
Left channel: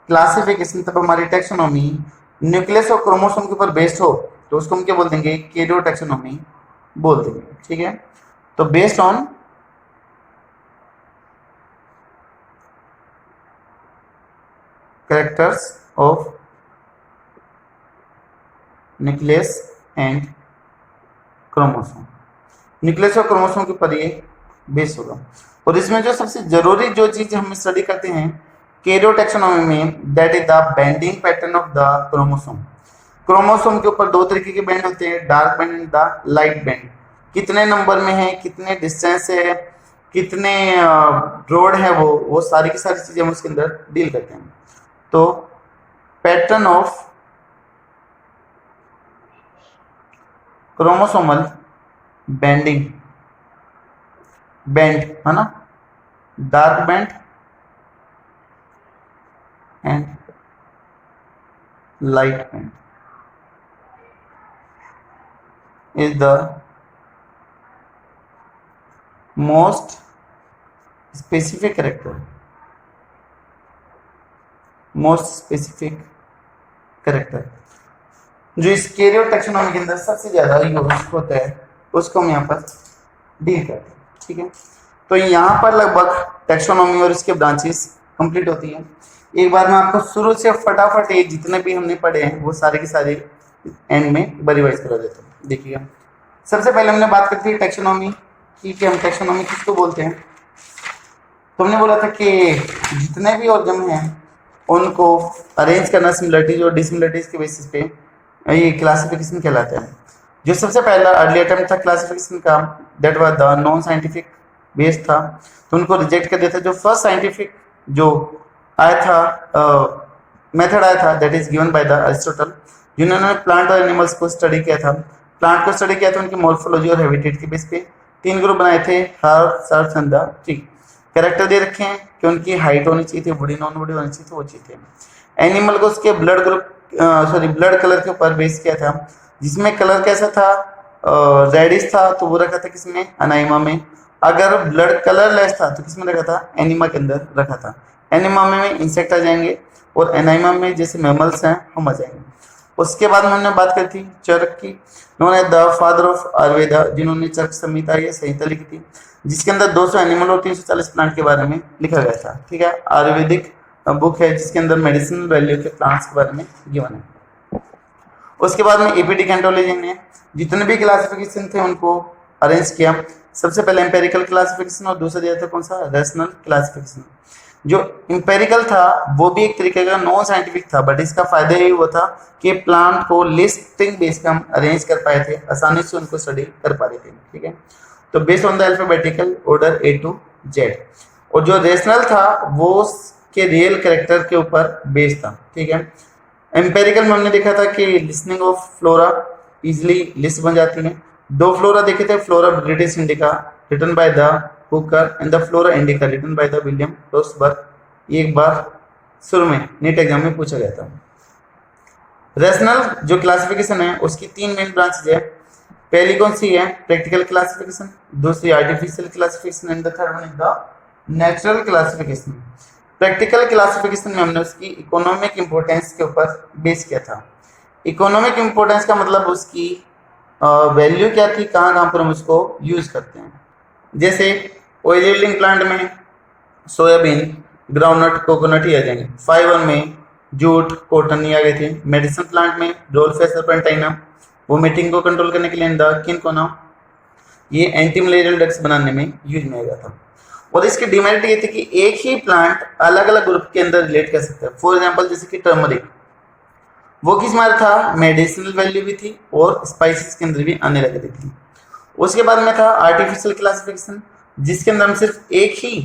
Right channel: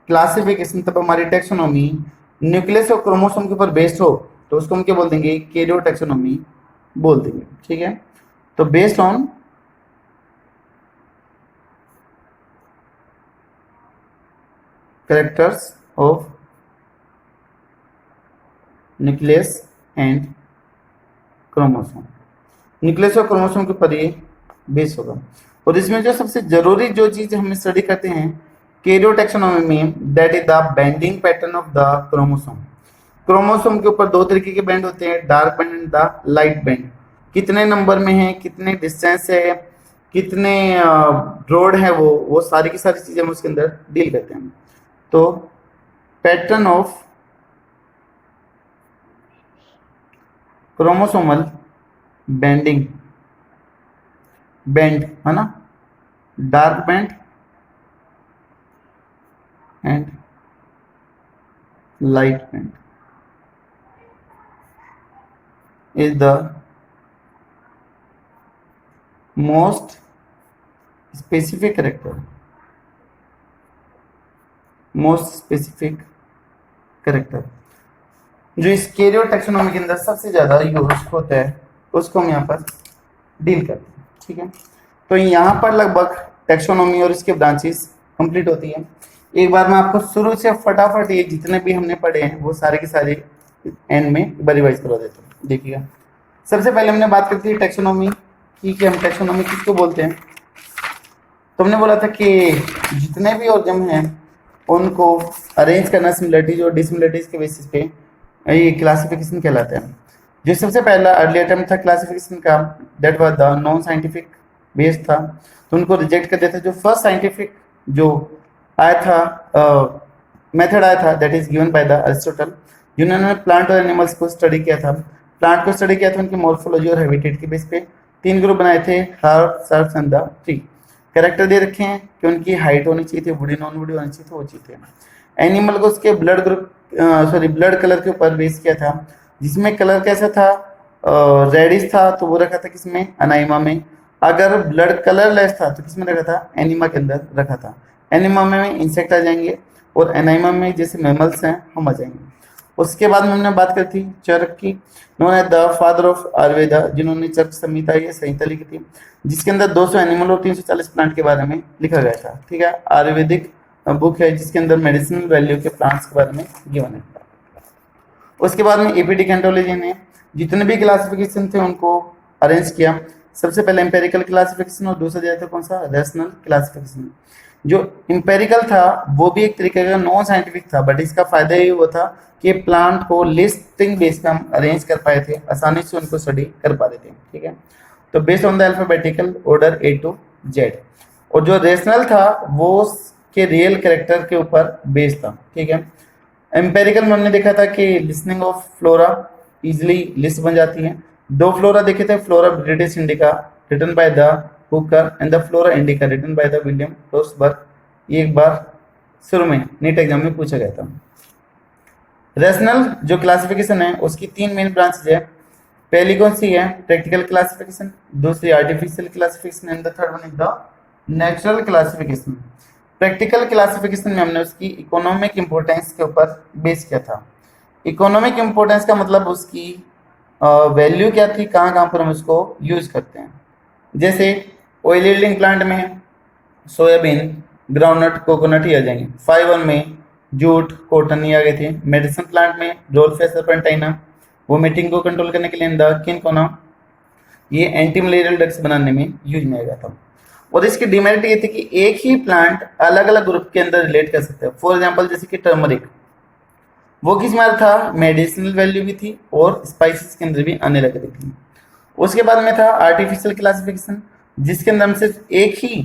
क्लासिफिकेशन, तब हमारी टेक्सोनॉमी न्यूक्लियस और क्रोमोसोम के ऊपर बेस्ड हो, तो उसको हम क्या बोल देंगे? कैरियो टेक्सोनॉमी बोल देंगे। ठीक है, तो based on characters of nucleus and chromosome, nucleus और क्रोमोसोम के ऊपर ये बेस होगा। और इसमें जो सबसे जरूरी जो चीज हम स्टडी करते हैं कैरियोटैक्सोनॉमी में, that is the bending pattern of the chromosome. Chromosome के ऊपर दो तरीके के बैंड होते हैं, dark band and the light band. कितने नंबर में है, कितने डिस्टेंस है, कितने रोड है, वो सारी की सारी चीजें हम उसके अंदर डील करते हैं। तो pattern of chromosomal bending, band है ना, dark band and light band is the most specific character, जो इस कैरियर टैक्सोनॉमी के अंदर सबसे ज्यादा यूज होता है उसको हम यहाँ पर डील करते हैं। ठीक है, तो यहाँ पर लगभग टैक्सोनॉमी और इसके ब्रांचेस कंप्लीट होती है। एक बार मैं आपको शुरू से फटाफट ये जितने भी हमने पढ़े हैं वो सारे के सारे एंड में एक बार रिवाइज करा देता हूँ। देखिएगा, सबसे पहले हमने बात करती है टैक्सोनॉमी की कि हम टैक्सोनॉमी किसको बोलते हैं। तो हमने बोला था कि जितने भी ऑर्गन हैं उनको अरेंज करना सिमिलरिटीज और डिसिमिलरिटीज के बेसिस पे ये क्लासिफिकेशन कहलाता है। जो सबसे पहला अर्ली अटेम्प्ट था क्लासिफिकेशन का, that was the non scientific base था, तो उनको रिजेक्ट कर दिया था। जो फर्स्ट साइंटिफिक जो आया था मेथड आया था, that is given by the Aristotle, जिन्होंने प्लांट और एनिमल्स को स्टडी किया था। प्लांट को स्टडी किया था उनकी मॉर्फोलॉजी और हैबिटेट के बेस पे। 3 ग्रुप बनाए थे, herb, shrubs and the tree. Character दे रखे हैं कि उनकी हाइट होनी चाहिए थी, बॉडी नॉन बॉडी होनी चाहिए थी, वो चाहिए थे। एनिमल को उसके ब्लड ग्रुप ब्लड कलर के ऊपर बेस किया था, जिसमें कलर कैसा था, रेडिश था, तो वो रखा था किसमें, अनाइमा में। अगर ब्लड कलर लेस था तो किसमें रखा था, एनिमा के अंदर रखा था। एनिमा में इंसेक्ट आ जाएंगे और एनाइमा में जैसे मैमल्स हैं हम आ जाएंगे। उसके बाद में हमने बात करी थी चरक की, known as the father of Ayurveda, जिन्होंने चरक संहिता या संहिता लिखी थी, जिसके अंदर 200 एनिमल और 340 प्लांट के बारे में लिखा गया था। ठीक है, आयुर्वेदिक बुक है जिसके अंदर मेडिसिनल वैल्यू के प्लांट्स के बारे में गिवन है। उसके बाद में एपी डेकेंटोलॉजी ने जितने भी क्लासिफिकेशन थे उनको अरेंज किया। सबसे पहले एम्पेरिकल क्लासिफिकेशन और दूसरा दिया था कौन सा, रैशनल क्लासिफिकेशन। जो इंपेरिकल था वो भी एक तरीके का नॉन साइंटिफिक था, बट इसका फायदा ये वो था कि प्लांट को लिस्टिंग बेस पे हम अरेंज कर पाए थे, आसानी से उनको स्टडी कर पा रहे थे। ठीक है, तो based on the alphabetical order A to Z। और जो रेशनल था वो के रियल कैरेक्टर के ऊपर बेस्ड था। ठीक है, एम्पेरिकल में हमने देखा था कि listening of flora easily list बन जाती है। 2 फ्लोरा देखे थे, flora British Indica written by the Hooker and the flora Indica written by the William Roxburgh. ये एक बार शुरू में नीट एग्जाम में पूछा गया था। रेशनल जो क्लासिफिकेशन है उसकी 3 मेन ब्रांचेज है। पहली कौन सी है, प्रैक्टिकल क्लासिफिकेशन, दूसरी artificial classification and the third one is the natural classification. Practical classification में हमने उसकी इकोनॉमिक इंपोर्टेंस के ऊपर बेस किया था। इकोनॉमिक इंपोर्टेंस का मतलब उसकी वैल्यू क्या थी, कहाँ कहाँ पर हम उसको यूज करते हैं। जैसे ऑयल यील्डिंग प्लांट में सोयाबीन, ग्राउंडनट, कोकोनट ही आ जाएंगे। फाइबर में जूट, कॉटन ये आ गए थे। मेडिसिन प्लांट में डोल्फे सर्पेंटाइना, वोमिटिंग को कंट्रोल करने के लिए किनकोना, ये एंटी मलेरियल ड्रग्स बनाने में यूज में आया था। और इसकी डिमेरिट ये थी कि एक ही प्लांट अलग अलग ग्रुप के अंदर रिलेट कर सकता है। फॉर एग्जांपल जैसे कि टर्मरिक, वो किस में था, मेडिसिनल वैल्यू भी थी और स्पाइसेस के अंदर भी आने लग रही थी। उसके बाद में था आर्टिफिशियल क्लासिफिकेशन, जिसके अंदर हम सिर्फ एक ही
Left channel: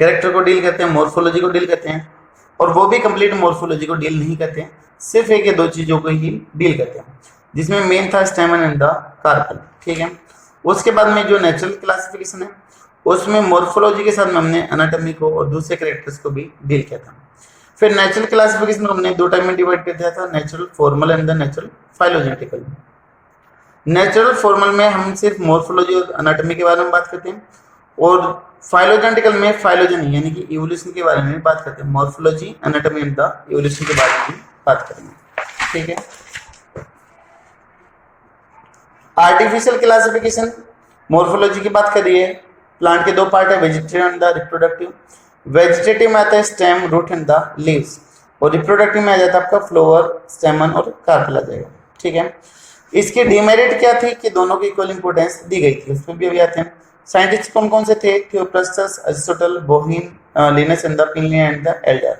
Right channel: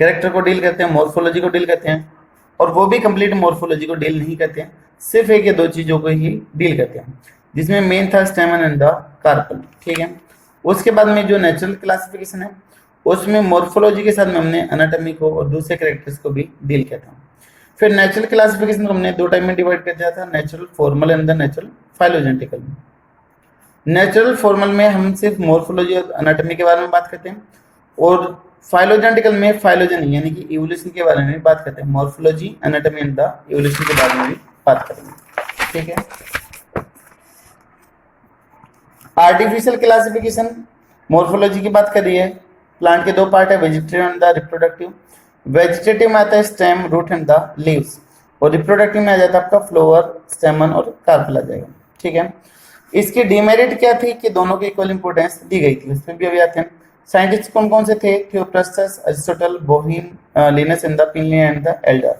कैरेक्टर को डील करते हैं, मॉर्फोलॉजी को डील करते हैं, और वो भी कंप्लीट मॉर्फोलॉजी को डील नहीं करते हैं, सिर्फ एक या 2 चीजों को ही डील करते हैं, जिसमें मेन था स्टेमन एंड द कार्पल। ठीक है, उसके बाद में जो नेचुरल क्लासिफिकेशन है उसमें मॉर्फोलॉजी के साथ में हमने एनाटॉमी को और दूसरे कैरेक्टर्स को भी डील किया था। फिर नेचुरल क्लासिफिकेशन को हमने 2 टाइप में डिवाइड कर दिया था, natural formal and the natural phylogenetical. Natural formal में हम सिर्फ मॉर्फोलॉजी और एनाटॉमी के बारे में बात करते हैं, और फाइलोजेनेटिकल में फाइलोजन यानी कि इवोल्यूशन के बारे में बात करते हैं। Morphology, anatomy and the evolution के बारे में भी बात करेंगे। ठीक है, आर्टिफिशियल क्लासिफिकेशन मॉर्फोलॉजी की बात कर रही है। प्लांट के 2 पार्ट है, vegetative and the reproductive. Vegetative में आता है stem, root and the leaves, और रिप्रोडक्टिव में आ जाता है आपका फ्लावर, स्टेमन और कार्पेल आ जाएगा। ठीक है, इसकी डिमेरिट क्या थी कि दोनों की इक्वल इंपोर्टेंस दी गई थी, उसमें भी अभी आते हैं। साइंटिस्ट कौन कौन से थे? Theophrastus, Aristotle, Bauhin, Linnaeus and the Pliny and the Elder.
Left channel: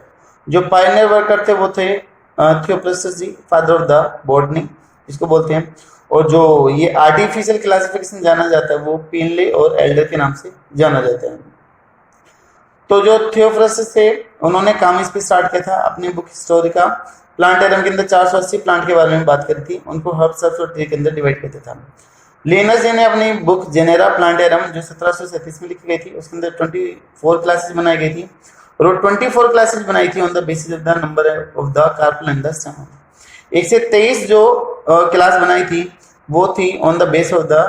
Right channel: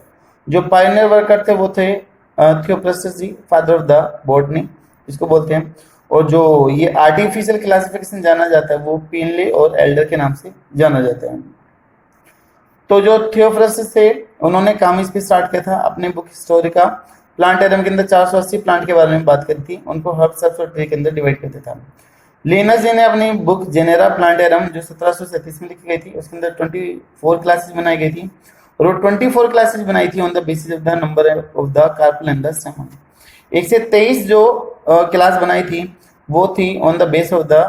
जो पायनियर वर्कर थे वो थे Theophrastus ji, father of the botany इसको बोलते हैं। और जो ये आर्टिफिशियल क्लासिफिकेशन जाना जाता है वो पिनले और एल्डर के नाम से जाना जाता है। तो जो थियोफ्रास्टस थे उन्होंने काम इस पे स्टार्ट किया था अपनी बुक हिस्टोरिका प्लांटेरम के अंदर 480 प्लांट के बारे में बात करी थी, उनको हर्ब्स और ट्री के अंदर डिवाइड करते था। लिनस जी ने अपनी बुक जेनेरा प्लांटेरम जो 1737 में लिखी गई थी उसके अंदर 24 क्लासेस बनाई गई थी, और वो 24 क्लासेस बनाई थी on the basis of the number of the carpal and the स्टेमन। 1 से 23 जो क्लास बनाई थी वो थी on the base of the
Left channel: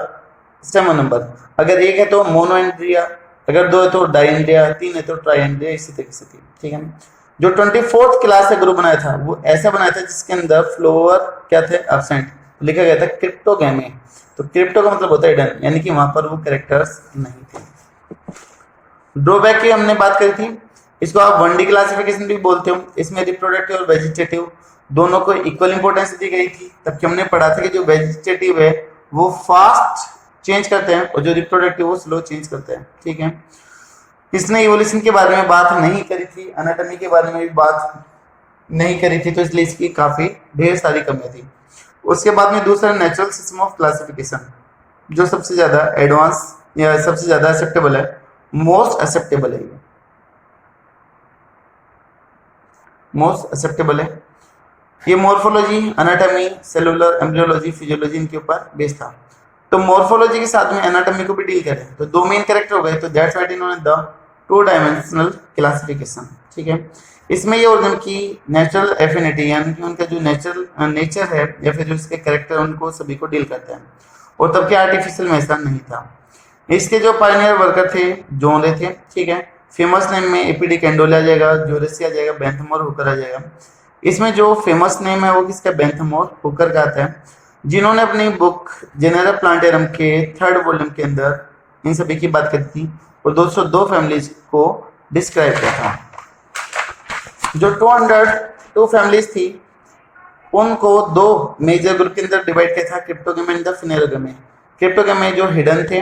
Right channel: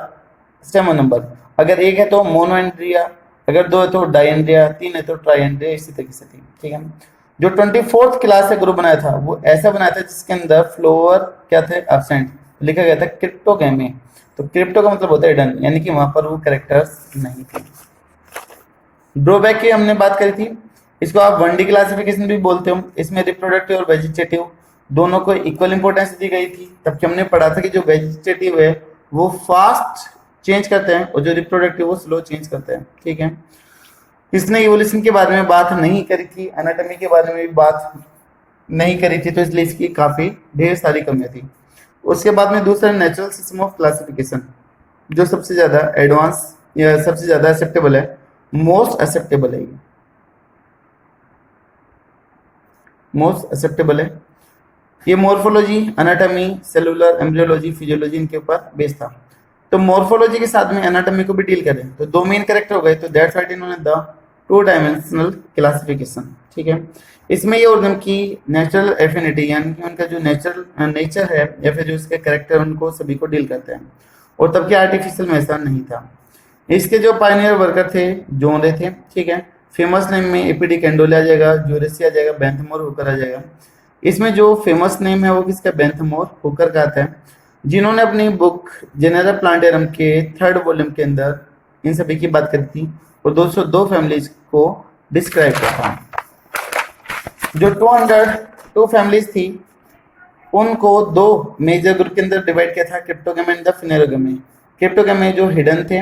स्टेमन number. अगर 1 है तो मोनोएंड्रिया, अगर 2 है तो डायएंड्रिया, 3 है तो ट्राइएंड्रिया, इसी तरीके से थी। ठीक है। जो 24th क्लास से ग्रुप बनाया था वो ऐसा बनाया था जिसके अंदर फ्लोवर क्या थे? एब्सेंट, लिखा गया था क्रिप्टोगैमी। तो क्रिप्टो का मतलब होता है हिडन, यानी कि वहां पर वो कैरेक्टर्स नहीं थे। ड्रॉबैक की हमने बात करी थी, इसको आप 1D क्लासिफिकेशन भी बोलते हो। इसमें रिप्रोडक्टिव और वेजिटेटिव दोनों को इक्वल इंपॉर्टेंस दी गई थी। तब हमने पढ़ा था कि जो वेजिटेटिव है वो फास्ट चेंज करते हैं और जो रिप्रोडक्टिव वो स्लो चेंज करते हैं। ठीक है। इसने इवोल्यूशन के बारे में बात नहीं करी थी, एनाटॉमी के बारे में भी बात नहीं करी थी, तो इसलिए इसकी काफी ढेर सारी कमियां थी। उसके बाद में दूसरा नेचुरल सिस्टम ऑफ क्लासिफिकेशन, जो सबसे ज्यादा एडवांस या सबसे ज्यादा एक्सेप्टेबल है, मोस्ट एक्सेप्टेबल है, ये मोस्ट एक्सेप्टेबल है। ये morphology, anatomy, cellular, embryology, physiology इनके ऊपर बेस था। तो मॉर्फोलॉजी के साथ में एनाटॉमी को भी डील करें तो 2 मेन कैरेक्टर हो गए, तो दैट्स व्हाई इन्होंने द 2 डायमेंशनल क्लासिफिकेशन। ठीक है। इसमें ये ऑर्गन की नेचुरल एफिनिटी यानी कि उनका जो नेचर है या फिर जो इसके कैरेक्टर उनको सभी को डील करते हैं, और तब के आर्टिफिशियल में ऐसा नहीं था। इसके जो पायनियर वर्कर थे जोनरे थे। ठीक है। फेमस नेम में एपीडी कैंडोले आ जाएगा, जोरेसी आ जाएगा, बेंथमोर हुकर आ जाएगा। इसमें जो फेमस नेम है वो किसका? बेंथमोर हुकर का आता है, जिन्होंने अपनी बुक जेनेरा प्लांटेरम के 3rd वॉल्यूम के अंदर इन सभी की बात करी थी और 202 फैमिलीज को डिस्क्राइब किया था। जो 202 फैमिलीज थी उनको 2 मेजर ग्रुप के अंदर डिवाइड किया था, क्रिप्टोगैमी एंड द फिनेरोगैमी। क्रिप्टोगैमी जो हिडन थे,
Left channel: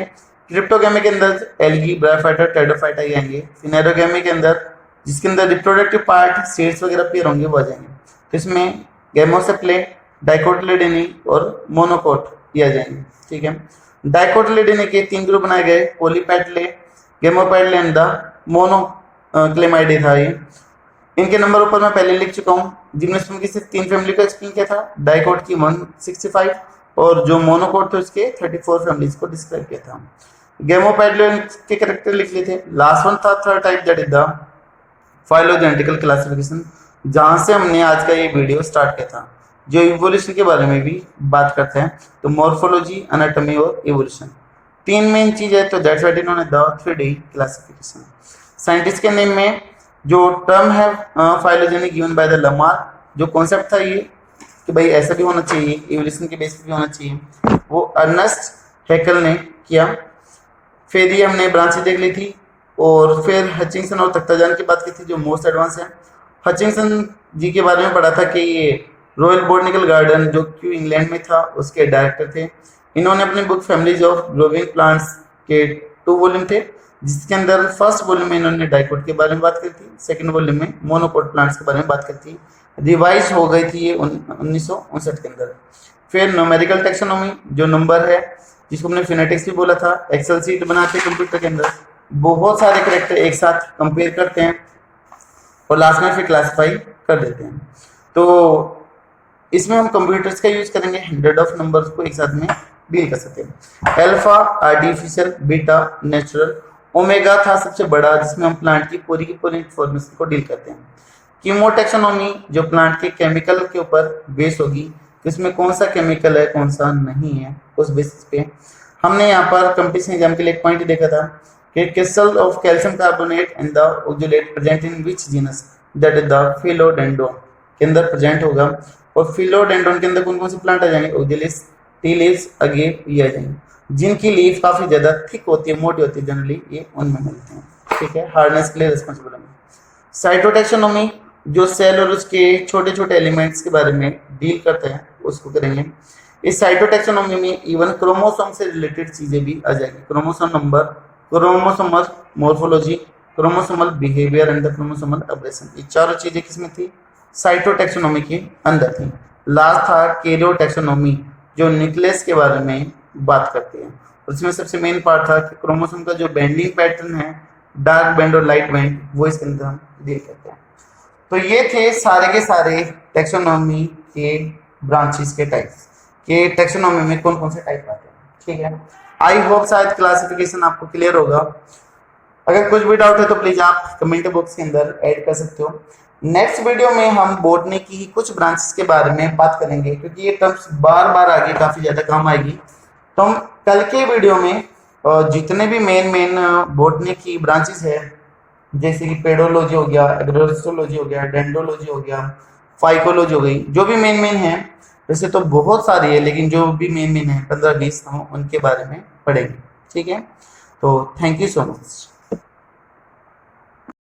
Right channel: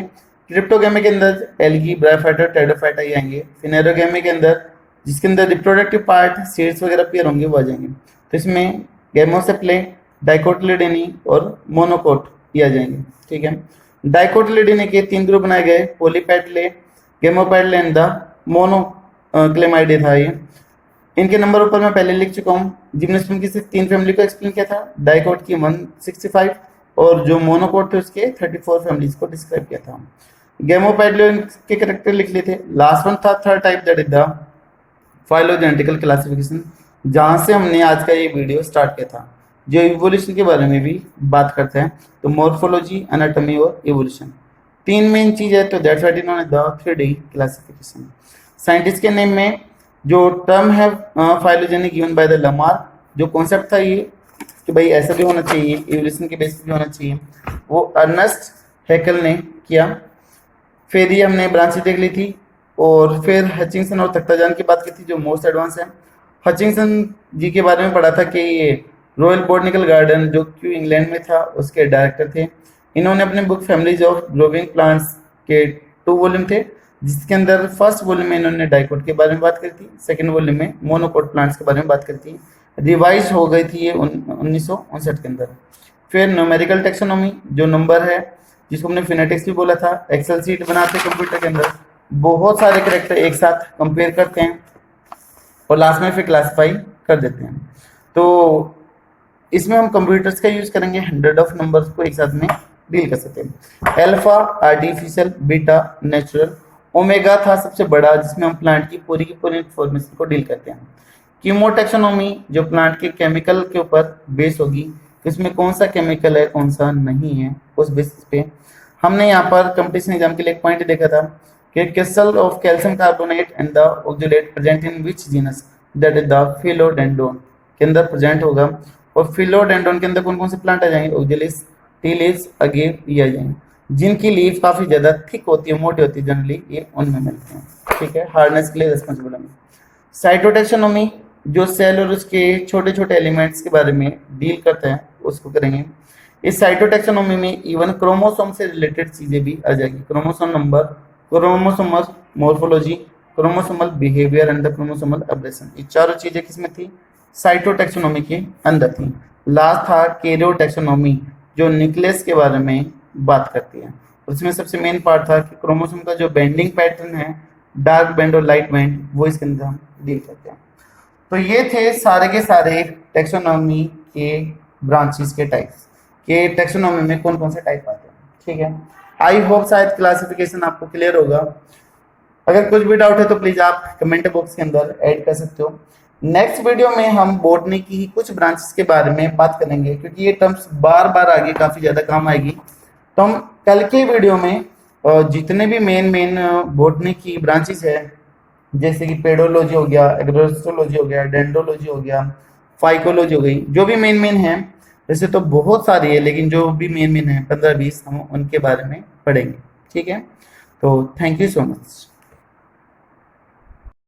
क्रिप्टोगैमी के अंदर एल्गी, ब्रायोफाइटा, टेरिडोफाइटा ये आएंगे। फिनेरोगैमी के अंदर जिसके अंदर रिप्रोडक्टिव पार्ट सीड्स वगैरह पेयर होंगे वो आ जाएंगे। तो इसमें गैमोसेप्ले, डाइकोटिलिडनी और मोनोकोट ये आ जाएंगे। ठीक है। डाइकोटिलिडनी के 3 ग्रुप बनाए गए, पॉलीपेटले, गेमोपेटले एंड द मोनोक्लेमाइडे था ये। इनके नंबर ऊपर मैं पहले लिख चुका हूँ। जिम्नोस्पर्म की सिर्फ 3 फैमिली को एक्सप्लेन किया था, डाइकोट की 165 और जो मोनोकोट थे उसके 34 फैमिलीज को डिस्क्राइब किया था। गेमोपेटले के कैरेक्टर लिख लिए थे। लास्ट वन था 3rd type, that is the phylogenetical classification, जहां से हमने आज का ये वीडियो स्टार्ट किया था, जो इवोल्यूशन के बारे में भी बात करते हैं। तो मॉर्फोलॉजी, एनाटॉमी और इवोल्यूशन 3 मेन चीज है, तो दैट्स व्हाई इन्होंने द 3D क्लासिफिकेशन। साइंटिस्ट के नेम में जो टर्म है phylogenic given by the Lamarck, जो कॉन्सेप्ट था ये कि भाई ऐसा भी होना चाहिए, इवोल्यूशन के बेस पे भी होना चाहिए, वो अर्नेस्ट हैकेल ने किया। फिर ये हमने ब्रांचेस देख ली थी, और फिर हचिंगसन और तख्ताजान की बात की थी जो मोस्ट एडवांस है। हचिंगसन जी के बारे में पढ़ा था कि ये रॉयल बोटनिकल गार्डन जो क्यू इंग्लैंड में था उसके डायरेक्टर थे। इन्होंने अपनी book families of growing plants के 2 वॉल्यूम थे, जिसके अंदर फर्स्ट वॉल्यूम में इन्होंने डाइकोट के बारे में बात करी थी, सेकंड वॉल्यूम में मोनोकोट प्लांट्स के बारे में बात करी थी। रिवाइज हो गई थी ये 1959 के अंदर। फिर न्यूमेरिकल टेक्सोनॉमी जो नंबर है, जिसको हमने फिनेटिक्स भी बोला था, एक्सेल सीट बनाते हैं कंप्यूटर के अंदर, बहुत सारे कैरेक्टर एक साथ कंपेयर करते हैं और लास्ट में फिर क्लासिफाई कर देते हैं। तो इसमें हम कंप्यूटर्स का यूज करेंगे, 100 ऑफ नंबर्स को एक साथ में डील कर सकते हैं। Alpha artificial, beta natural, omega था सबसे बड़ा जिसमें हम प्लांट की पूरी इंफॉर्मेशन को डील करते हैं। कीमोटेक्सोनॉमी जो प्लांट के केमिकल के ऊपर बेस होगी, कि उसमें कौन सा केमिकल है कौन सा नहीं है, उस बेसिस पे हमने यहाँ पर कंपटीशन एग्जाम के लिए एक पॉइंट देखा था कि crystal of calcium carbonate and the oxalate present in which genus, that is the philodendron के अंदर प्रेजेंट होगा। और फिलोडेंड्रोन के अंदर कौन कौन से प्लांट आ जाएंगे? ऑक्जुलिस, टी लीव्स, अगेव ये आ जाएंगे, जिनकी लीफ काफी ज्यादा थिक होती है, मोटी होती है, जनरली ये उनमें मिलते हैं। ठीक है। हार्डनेस के लिए रिस्पॉन्सिबल है। साइटोटेक्सोनॉमी जो सेल और उसके छोटे छोटे एलिमेंट्स के बारे में डील करते हैं उसको करेंगे। इस साइटोटेक्सोनॉमी में इवन क्रोमोसोम से रिलेटेड चीजें भी आ जाएगी, chromosome number chromosomal morphology, chromosomal behaviour and the chromosomal abrasion. ये चारों चीजें किसमें थी? साइटोटैक्सोनॉमी के अंदर थी। लास्ट था कैरियोटैक्सोनॉमी, जो न्यूक्लियस के बारे में बात करती है। उसमें सबसे मेन पार्ट था कि क्रोमोसोम का जो बेंडिंग पैटर्न है, डार्क बैंड और लाइट बैंड, वो इसके अंदर हम डील करते हैं। तो ये थे सारे के सारे टैक्सोनॉमी के ब्रांचेस के टाइप्स, कि टैक्सोनॉमी में कौन कौन से टाइप आते हैं। ठीक है, आई होप शायद क्लासिफिकेशन आपको क्लियर होगा। अगर कुछ भी डाउट है तो प्लीज आप कमेंट बॉक्स के अंदर ऐड कर सकते हो। नेक्स्ट वीडियो में हम बॉटनी की कुछ ब्रांचेस के बारे में बात करेंगे, क्योंकि ये टर्म्स बार बार आगे काफी ज्यादा काम आएगी। तो हम कल के वीडियो में जितने भी मेन बॉटनी की ब्रांचेस है, जैसे कि पेडोलॉजी हो गया, एग्रोसोलॉजी हो गया, डेंडोलॉजी हो गया, फाइकोलॉजी हो गई, जो भी मेन है, वैसे तो बहुत सारी है, लेकिन जो भी मेन है 15-20 हम उनके बारे में पढ़ेंगे। ठीक है, तो थैंक यू सो मच।